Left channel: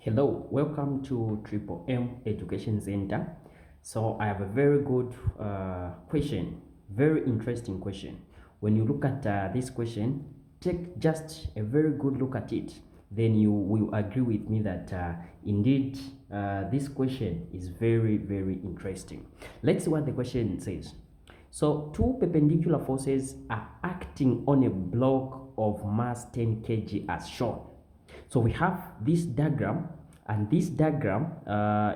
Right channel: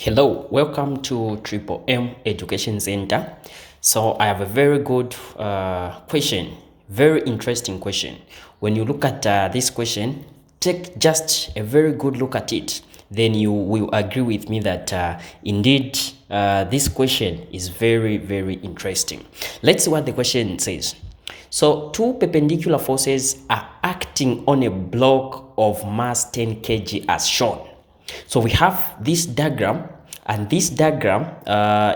Hello, welcome to Triple M Education Center. So I have a very good question, very interesting question. When you look at this question, take just a very good look at it. Then you will agree with me that indeed this question is very, very interesting. Let's see what the question says. So two perpendicular forces are acting on a block of mass 10 kg as shown. So we have this diagram, and this diagram,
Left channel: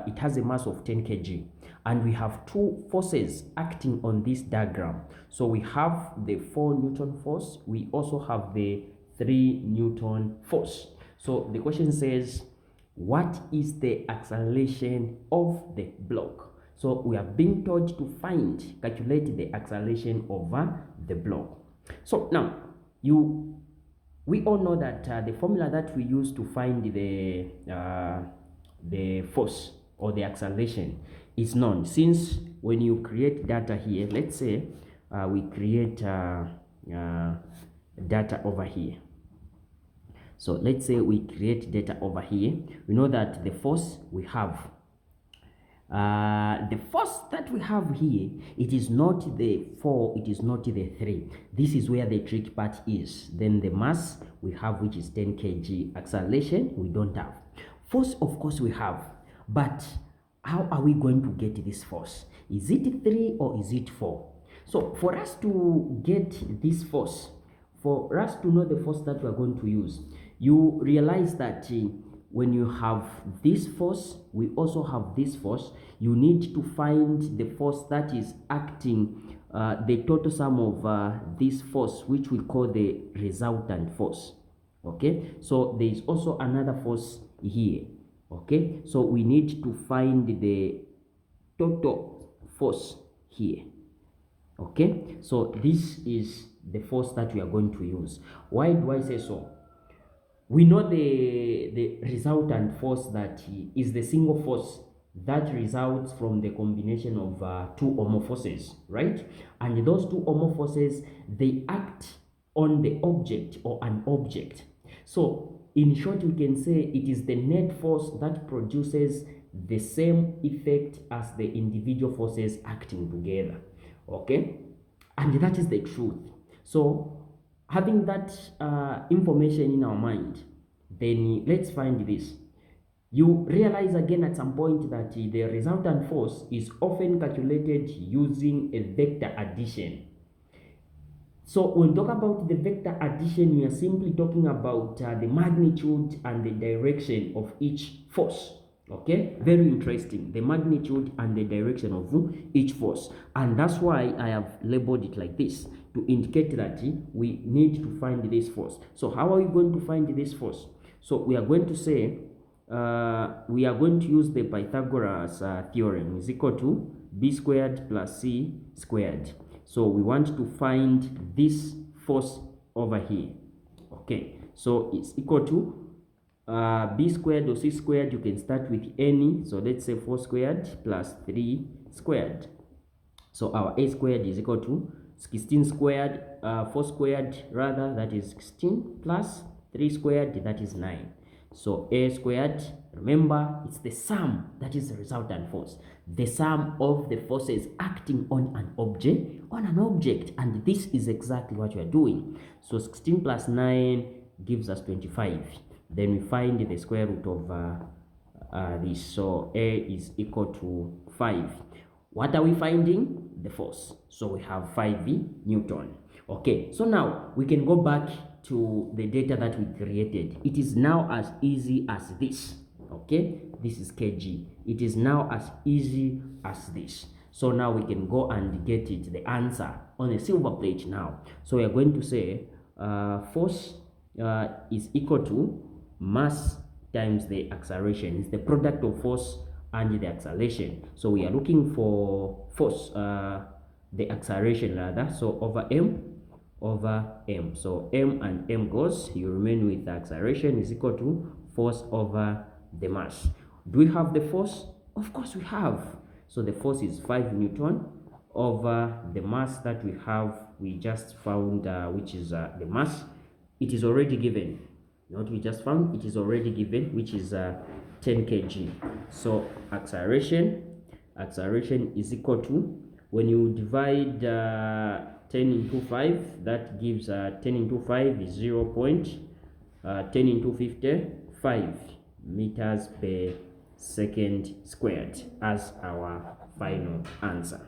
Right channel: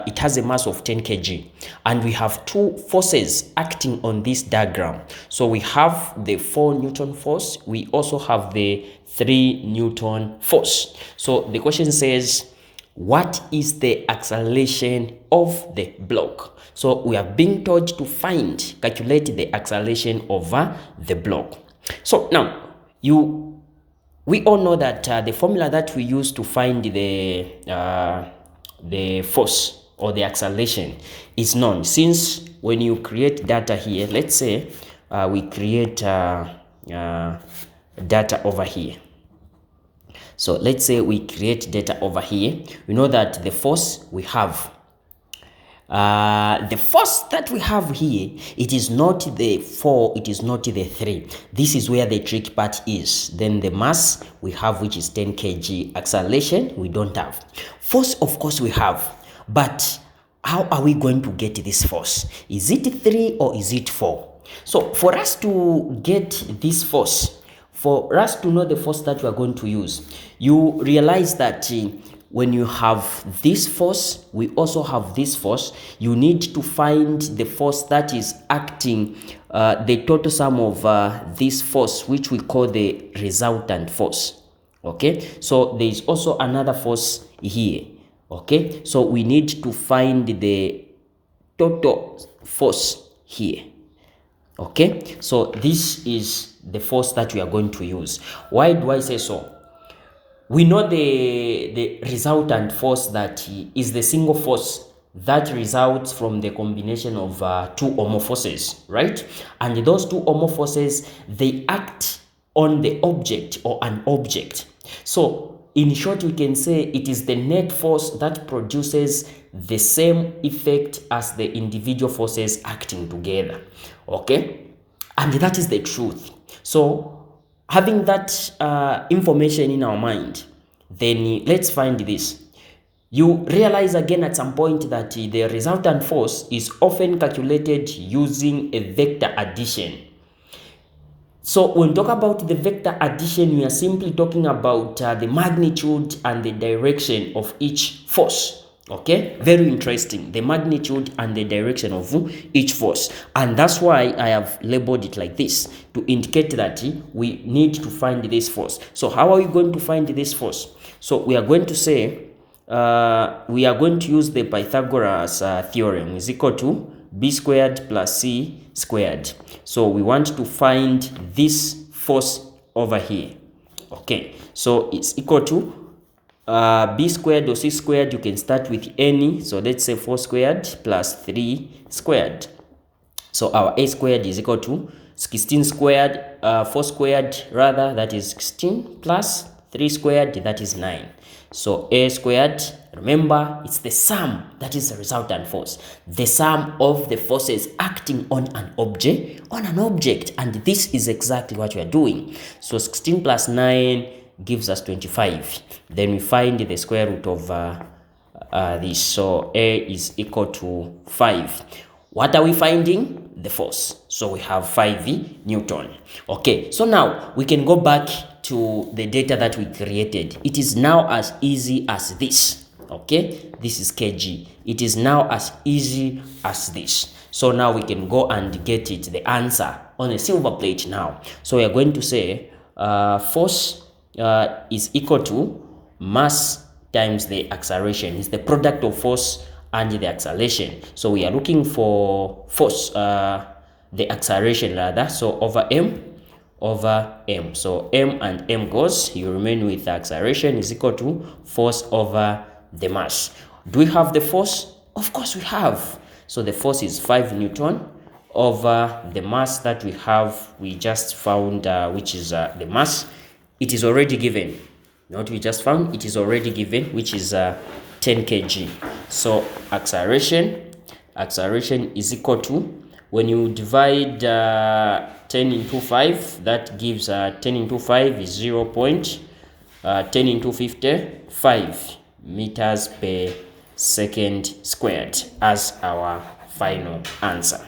it has a mass of 10 kg, and we have two forces acting on this diagram. So we have the 4 Newton force, we also have the 3 Newton force. So the question says, what is the acceleration of the block? So we are being told to calculate the acceleration over the block. So now, we all know that the formula that we use to find the force or the acceleration is known. Since when you create data here, let's say we create data over here. So let's say we create data over here. We know that the force we have, the force that we have here, it is not the 4, it is not the 3. This is where the trick part is. Then the mass we have, which is 10 kg. Acceleration we don't have. Force, of course, we have, but how are we going to get this force? Is it 3 or is it 4? So for us to get this force, for us to know the force that we are going to use, you realize that when you have this force, we also have this force. You need to find the force that is acting, the total sum of this force, which we call the resultant force. Okay, so there is also another force here. Okay, so we need to find the total force here. Okay, so this is the force that we are going to use. Why do I say so? We know the resultant force that is the single force that results from the combination of two or more forces, right? And those two or more forces, they act on the object or an object. So in short, we can say it is the net force that produces the same effect as the individual forces acting together. Okay, and that is the truth. So having that information in our mind, then let's find this. You realize again at some point that the resultant force is often calculated using a vector addition. So when we talk about the vector addition, we are simply talking about the magnitude and the direction of each force. Okay, very interesting, the magnitude and the direction of each force, and that's why I have labeled it like this, to indicate that we need to find this force. So how are we going to find this force? So we are going to say, we are going to use the Pythagoras theorem, is equal to b squared plus c squared. So we want to find this force over here. Okay, so it's equal to b squared or c squared. You can start with any, so let's say 4 squared plus 3 squared. So our a squared is equal to 16 squared, 4 squared rather, that is 16, plus 3 squared, that is 9. So a squared, remember, it's the sum, that is the resultant force, the sum of the forces acting on an object, and this is exactly what we are doing. So 16 plus 9 gives us 25. Then we find the square root of this. So a is equal to 5. What are we finding? The force. So we have 5 Newton. Okay, so now we can go back to the data that we created. It is now as easy as this. Okay, this is kg. It is now as easy as this. So now we can go and get it, the answer, on a silver plate now. So we are going to say force is equal to mass times the acceleration. It's the product of force and the acceleration. So we are looking for force, the acceleration rather, so over m. So m and m goes, you remain with the acceleration is equal to force over the mass. Do we have the force? Of course we have. So the force is 5 Newton over the mass that we have, we just found, which is the mass. It is already given. What we just found, it is already given, which is 10 kg. So acceleration is equal to, when you divide 10 into 5, that gives 10 into 5 is 10 into 55 meters per second squared as our final answer.